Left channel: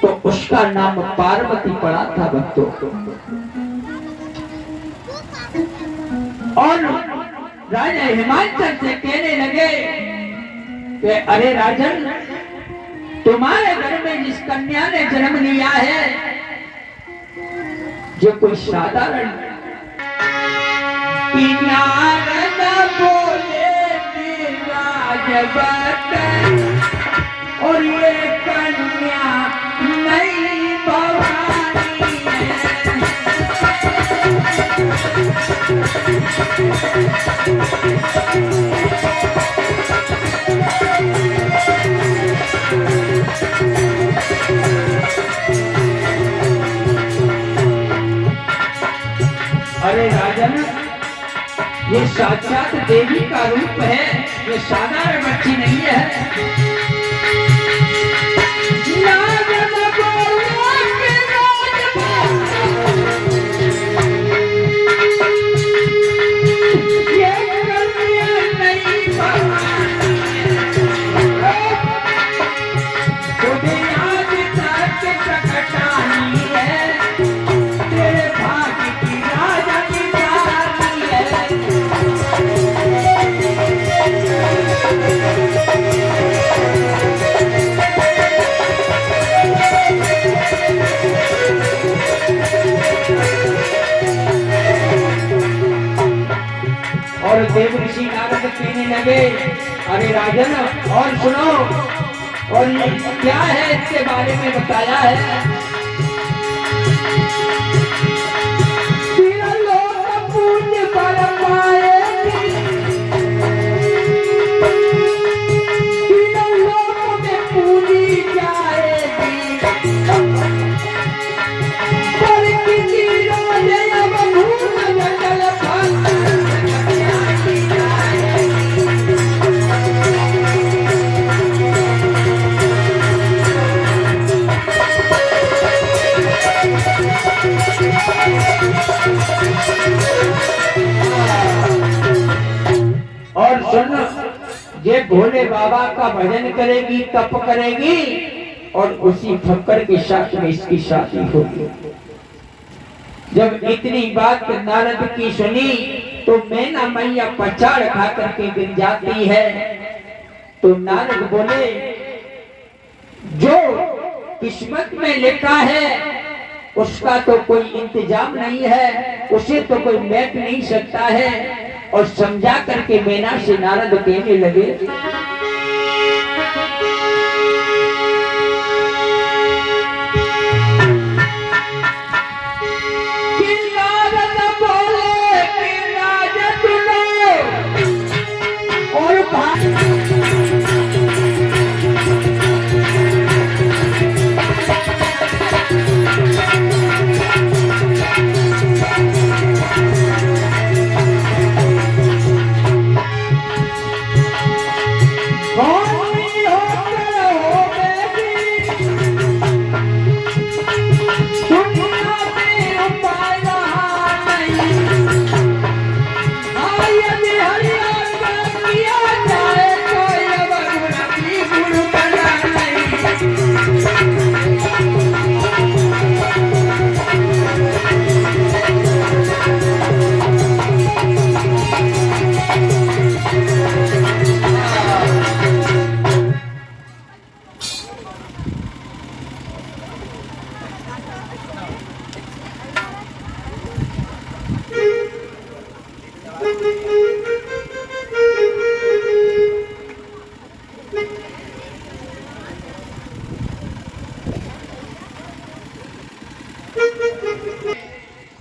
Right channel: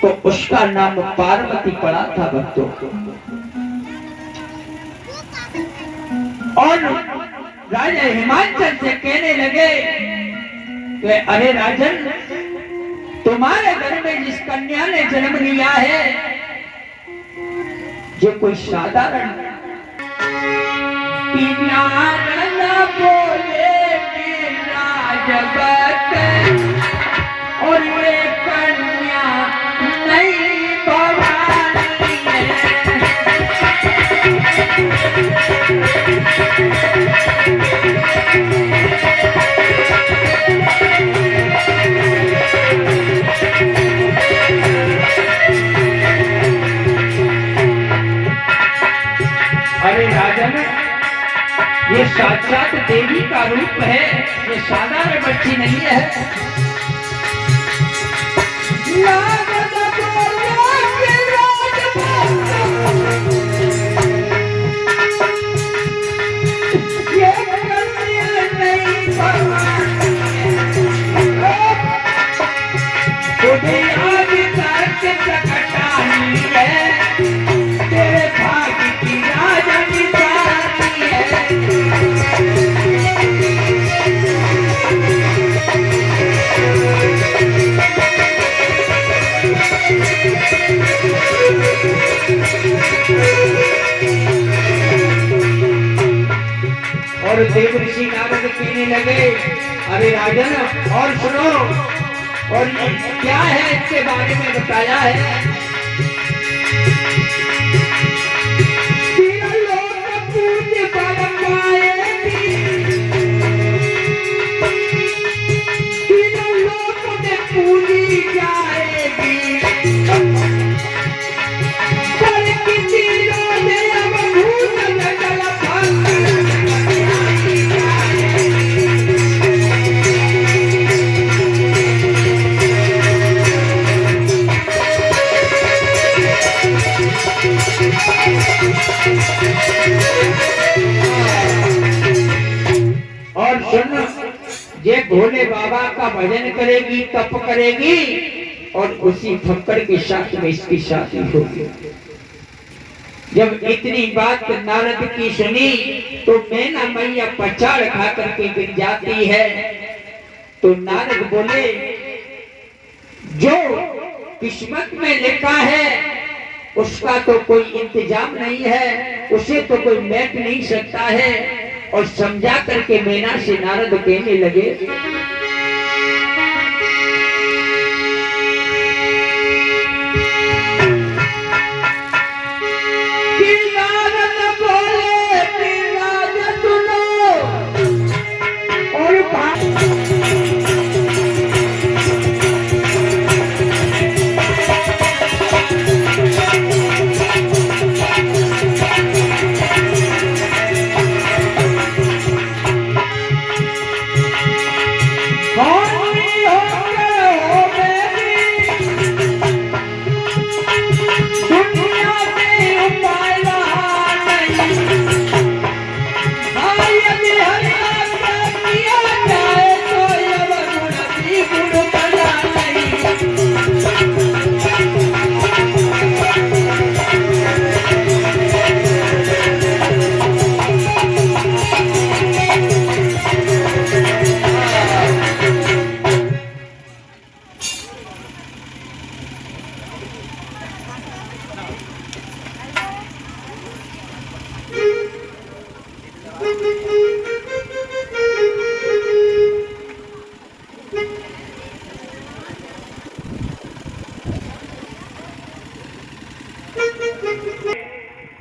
तो उसका नाम पार्वती पड़ा था भक्तों। और राजा हिमांचल से कहने लगे कि अरे राजन, तुम्हारे घर में जिस कन्या ने जन्म लिया है जो कोई साधारण बोले जगत और ये कन्या नहीं भवानी अरे राजन, ये साक्षात देवी का रूप है, ये साधारण बच्ची नहीं है। और देव ऋषि नारद कहने लगे अरे राजन और सुनो, और क्या है इसके बारे में बताया है। और सुन, ये भोले बाबा का भजन करेगी, तप करेगी और उसी फक्कर के साथ में इसकी शादी होगी। जब इतनी बात नारद की सुनी तो मैना मैया पछाड़ खा करके गिर जाती है। तो नारद बोले जो किस्मत में लिखा है उसका तो कोई इंतजाम नहीं है, उसे तो कोई मैप नहीं सकता है। और समझा करके मैना से नारद कहने लगे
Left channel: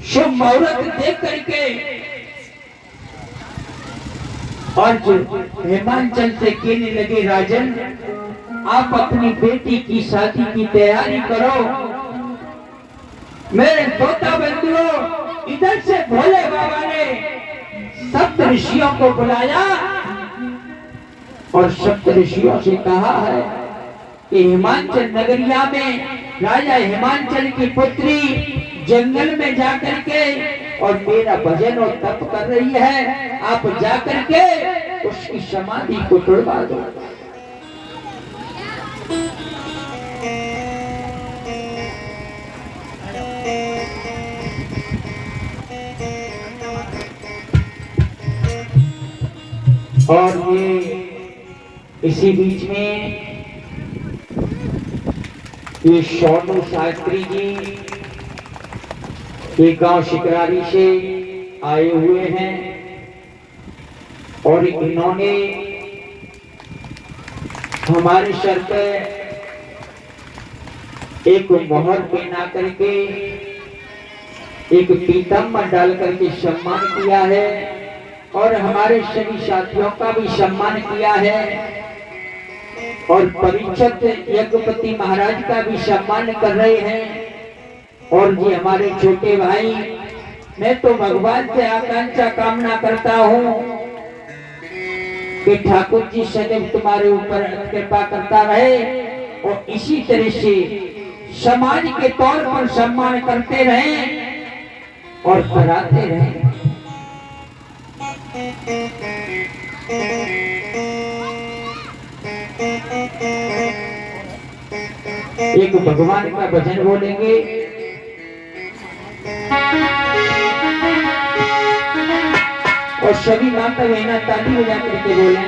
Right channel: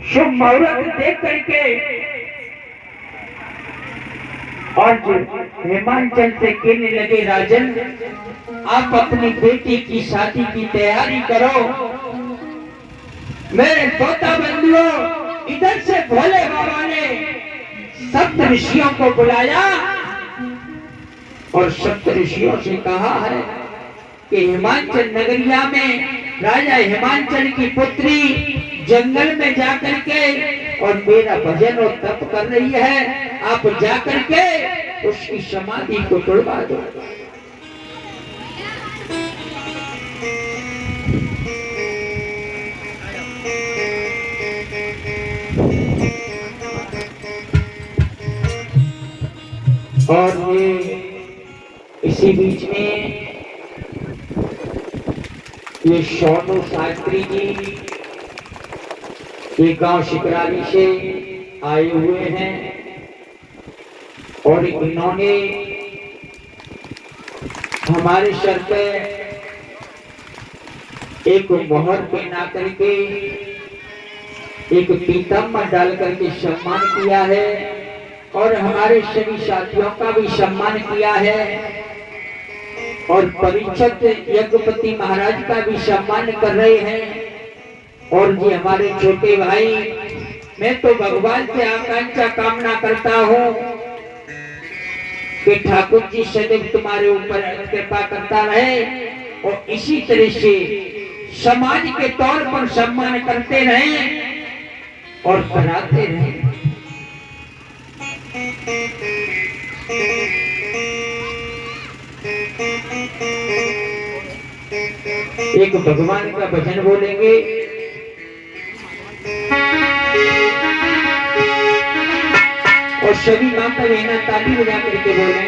शुभ मुहूर्त देख करके और जो हिमांचल से कहने लगे राजन आप अपनी बेटी की शादी की तैयारी करो। मेरे तोता बंधुओं, इधर से भोले बाबा ने सप्त ऋषियों को बुलाया और सप्त ऋषियों से कहा है कि हिमांचल नगरिया में राजा हिमांचल की पुत्री जंगल में जाकर के और मेरा भजन और तप कर रही है, आप जाकर के उसकी समाधि को तोड़वा दो। और ये इसी बीच में ये शौनू शास्त्री जी ये गांव शिकरारी से आए हुए हैं और इन्होंने हमारे सर पर एक मोहर पहना करके एक पीताम्बर डाल करके सम्मान किया है और हमारे सभी साथियों का भी सम्मान किया है और परीक्षित यज्ञपति महाराज का भी सम्मान कर रहे हैं। और जी हमारे छोटे भाई, मैं तो भगवान से आकांक्षा कामना करता हूँ कि ठाकुर जी सदैव तुम्हारे ऊपर कृपा करता रहे और इसी तरह से समाज के तौर पर सम्मान करते रहें और कराते रहें। एक भगवान का भजन बोलेंगे। और सभी माता बहना ताली बजा करके बोले।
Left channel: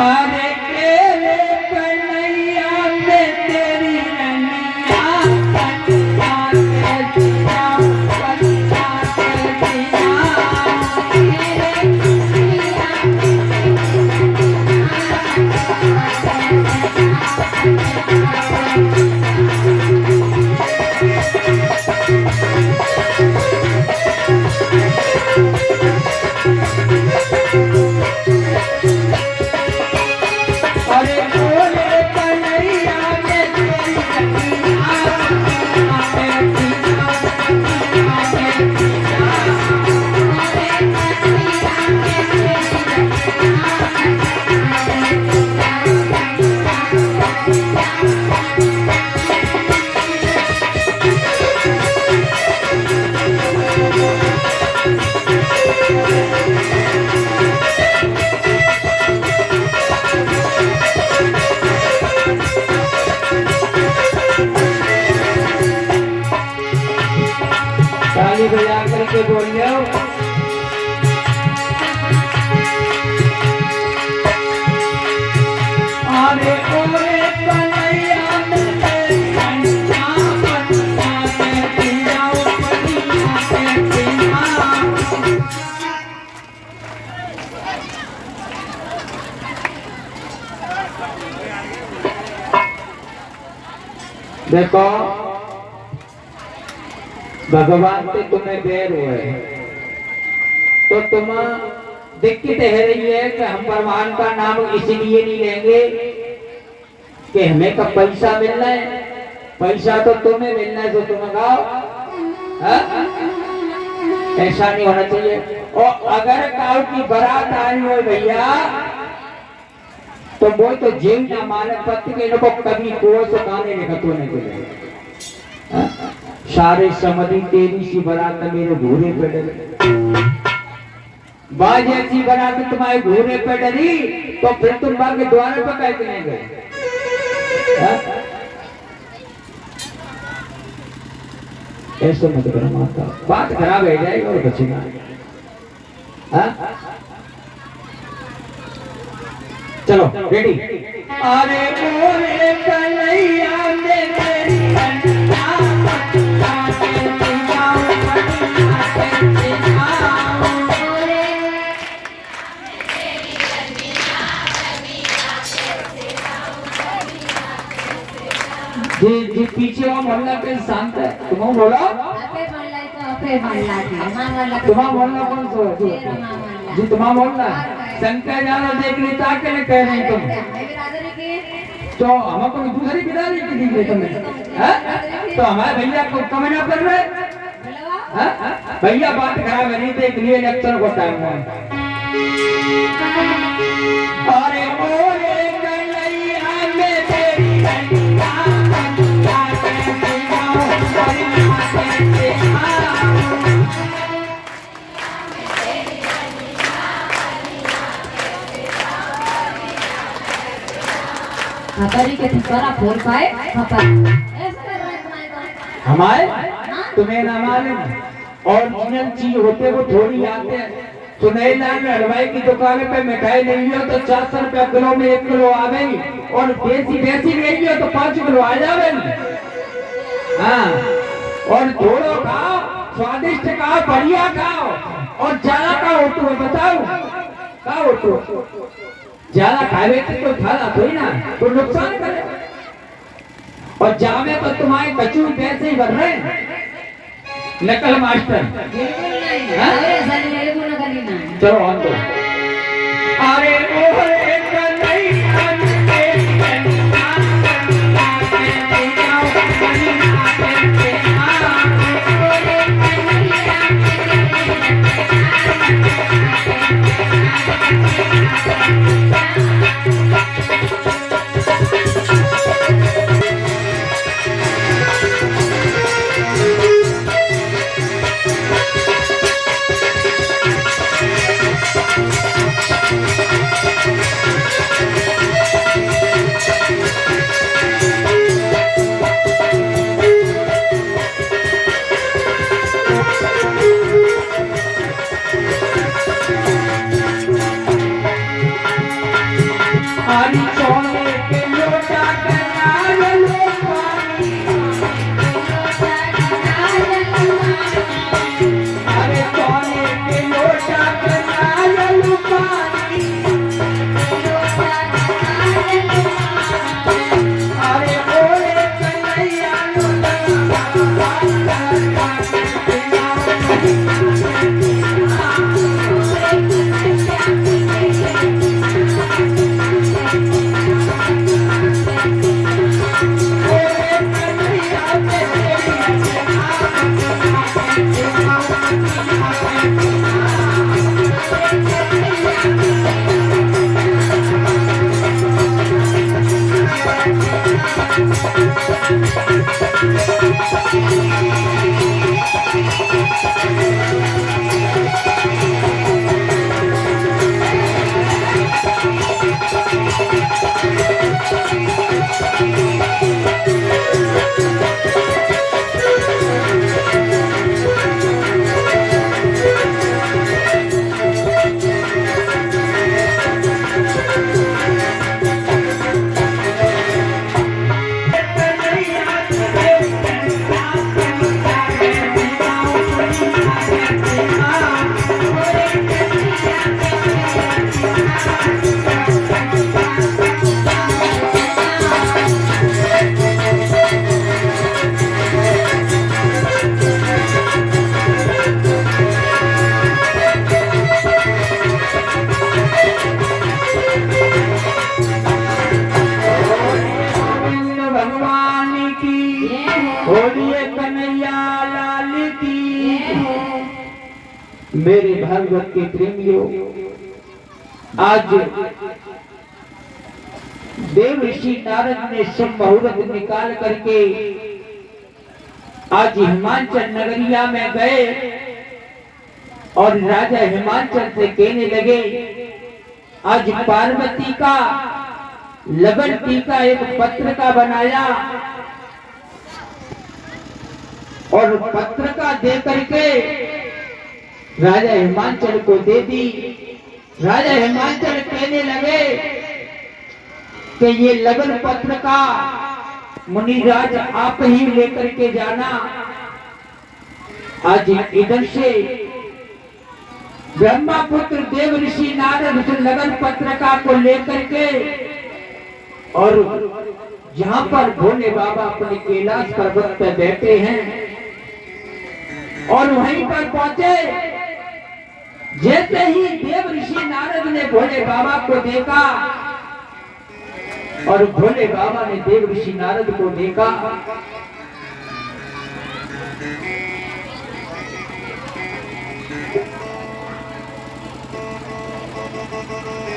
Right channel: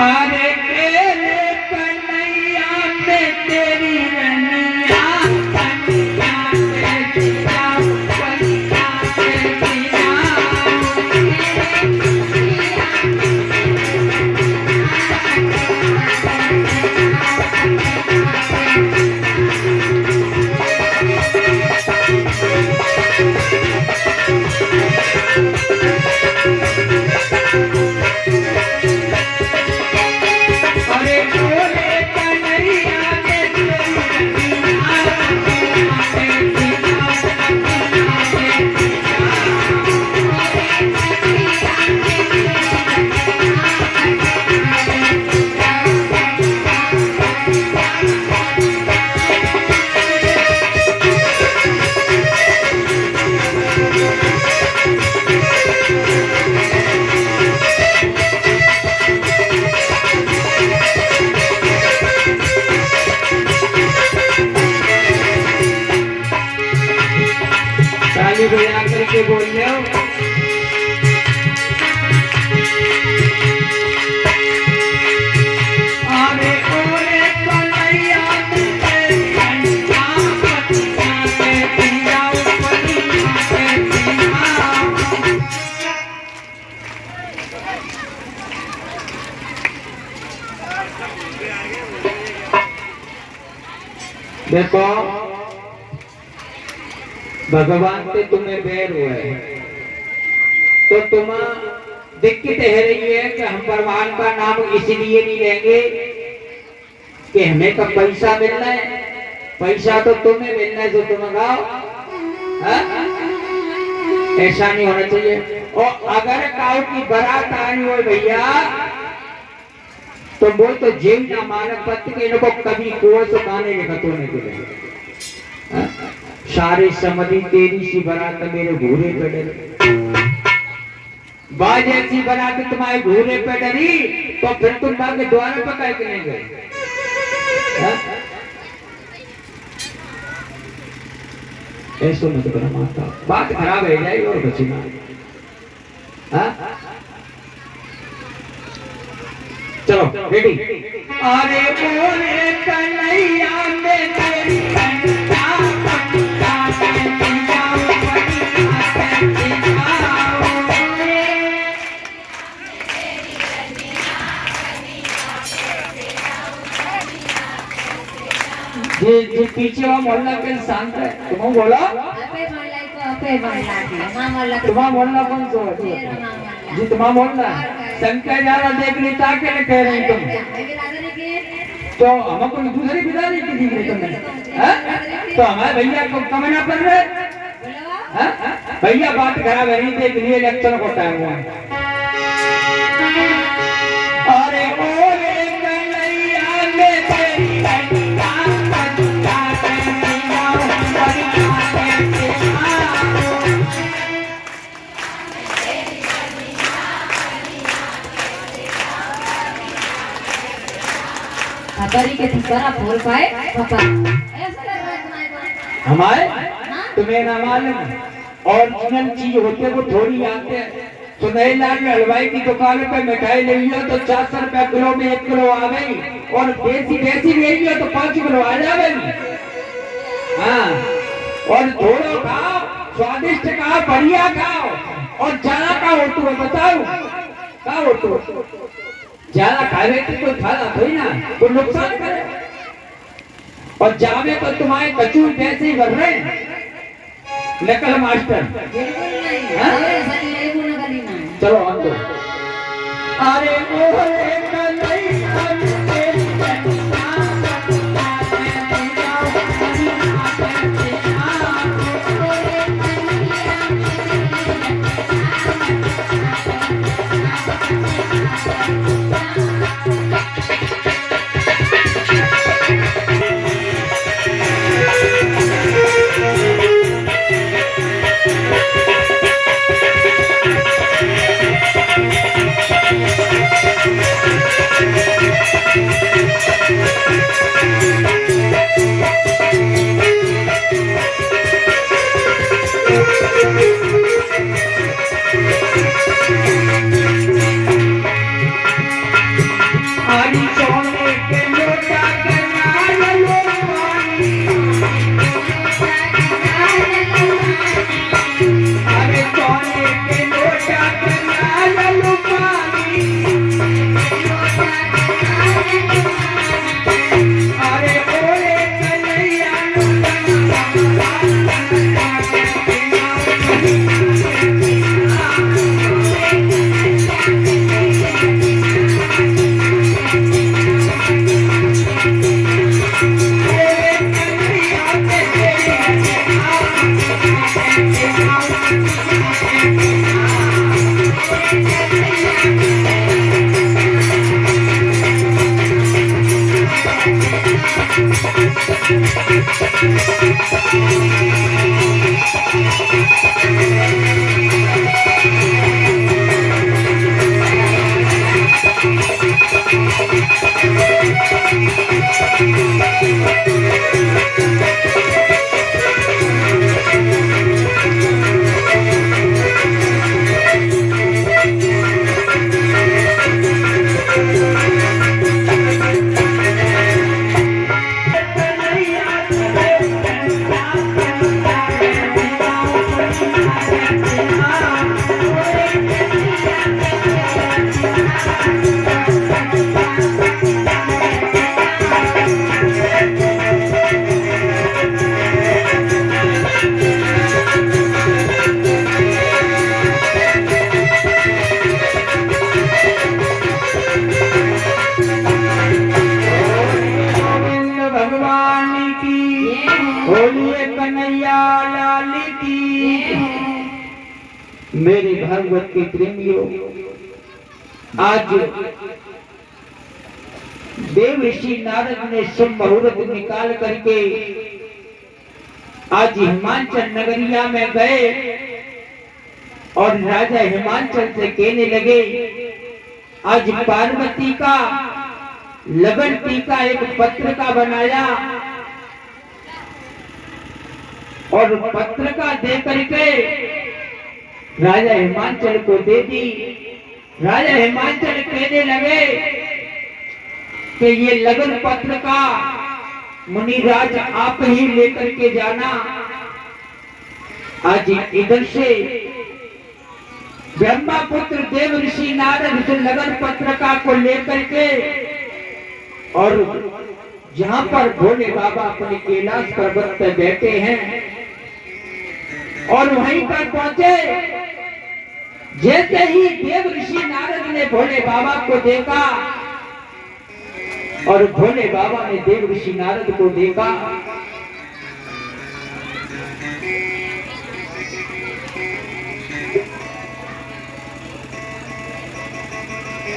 अरे तेरे कन्हैया से तेरी रनिया कन्हैया से कन्हैया से बजा करके बोल लो। अरे ओरे कन्हैया तेरी रनिया कन्हैया के पिया कन्हैया के पिया। देखो भगवान से तुम्हें बैर हुए तो तुम दिक्कत है रही है कि हम भगवान का नाम इसलिए नहीं लेंगे कि हमें तो पैसा मिलना है। पैसा तो तुम्हें मिलना है जो तुम गाओ, ऐसा नहीं होना चाहिए। और अगर काऊ की बारात आनी हो भैया तो वो तो जीव ना मानक पति के इनको कभी कुआं से पानी निकलने के लिए सारे समझी तेरी सी बारात मेरे घूरे पे डरी। बाज ऐसी बारात तुम्हारे घूरे पे डरी तो फिर तुम बाग के द्वार पर कह के नहीं गए। ऐसा मत करो माता, बात खराब हो जाएगी और कुछ ना। चलो रेडी। अरे बोले कन्हैया में तेरी कन्हैया जी पीछे वो मोहल्ला के शांत है। तुम बोला तुम्हारा मोहल्ला कौन सा जी? तुम्हारा मोहल्ला शंकर ज्यादा देख ली ताके न कह रही तुम तो हमको दूसरी बिदारी की दी तुमने तो हमारे भैया को कमना कर रहे भैया बात खराब है नहीं देख लिए इलेक्शन को टाइम है। अरे ओरे कन्हैया में तेरी के ठिकाना खोल पाए हमारे तुम्हें ना मालूम ओरिजिनल चीज होते वो थोड़ी आते हैं। सुनैला में हलवाई की दुकान पे मिठाई ले लियो तो 400 रुपया किलो में 1 किलो आ गई, और देसी देसी ले लियो तो 5 किलो आ जावे। हाँ, और थोड़ो खाओ, स्वादिष्ट खाओ, बढ़िया खाओ, और ज्यादा खाओ तो बताओ खाओ तो ज्यादा खावे तो कोई फायदा थोड़ी ना, कोई नुकसान करे। और जावे तो तुम्हारे कचू पैसे ही भर रहे हैं। नकल मास्टर बिल्कुल नहीं, अरे सारी बिल्कुल ना करनी ना। चलो ऑन दो। अरे ओरे मेरे भागवत के प्रेमियों, आज देव ऋषि नारद ने शुभ मुहूर्त निकाल करके आज हिमाचल नगरिया में गए और राजा हिमाचल से कहने लगे, आज पार्वती का लगन टीका एक पत्र का बनाया और पत्र का दे करके राजा हिमाचल को दे दी। राजा हिमाचल कहने लगे कि ये लगन पत्र का मुनिराज आप ही लेकर के जाना। आज इधर से ब्रह्मपुत्र देव ऋषि नारद उस लगन पत्रिका को लेकर के और जहां पर भोले बाबा अपने कैलाश पर्वत पर बैठे हैं और वहीं पर पहुंचे। जैसे ही देव ऋषि नारद ने भोले बाबा को देखा और भोले बाबा ने देव ऋषि नारद को देखा,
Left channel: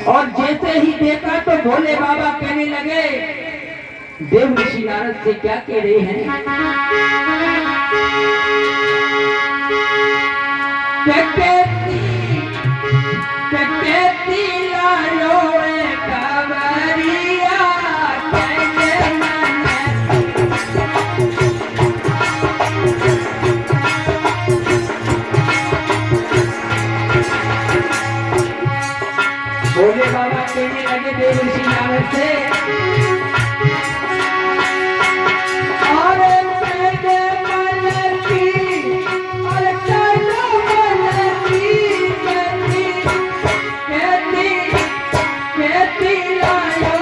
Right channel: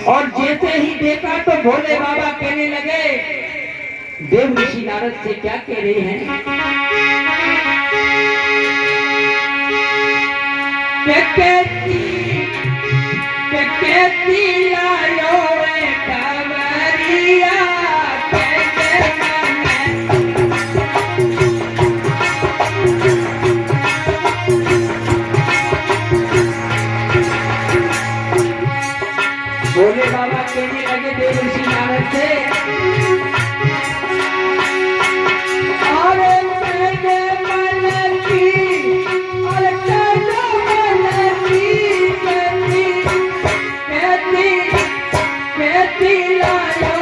और जैसे ही देखा तो भोले बाबा कहने लगे, देव ऋषि नारद से क्या कह रहे हैं? देव सिनावत से और तेरे मलकी और तेरे मलकी कहती कहती कहती लायो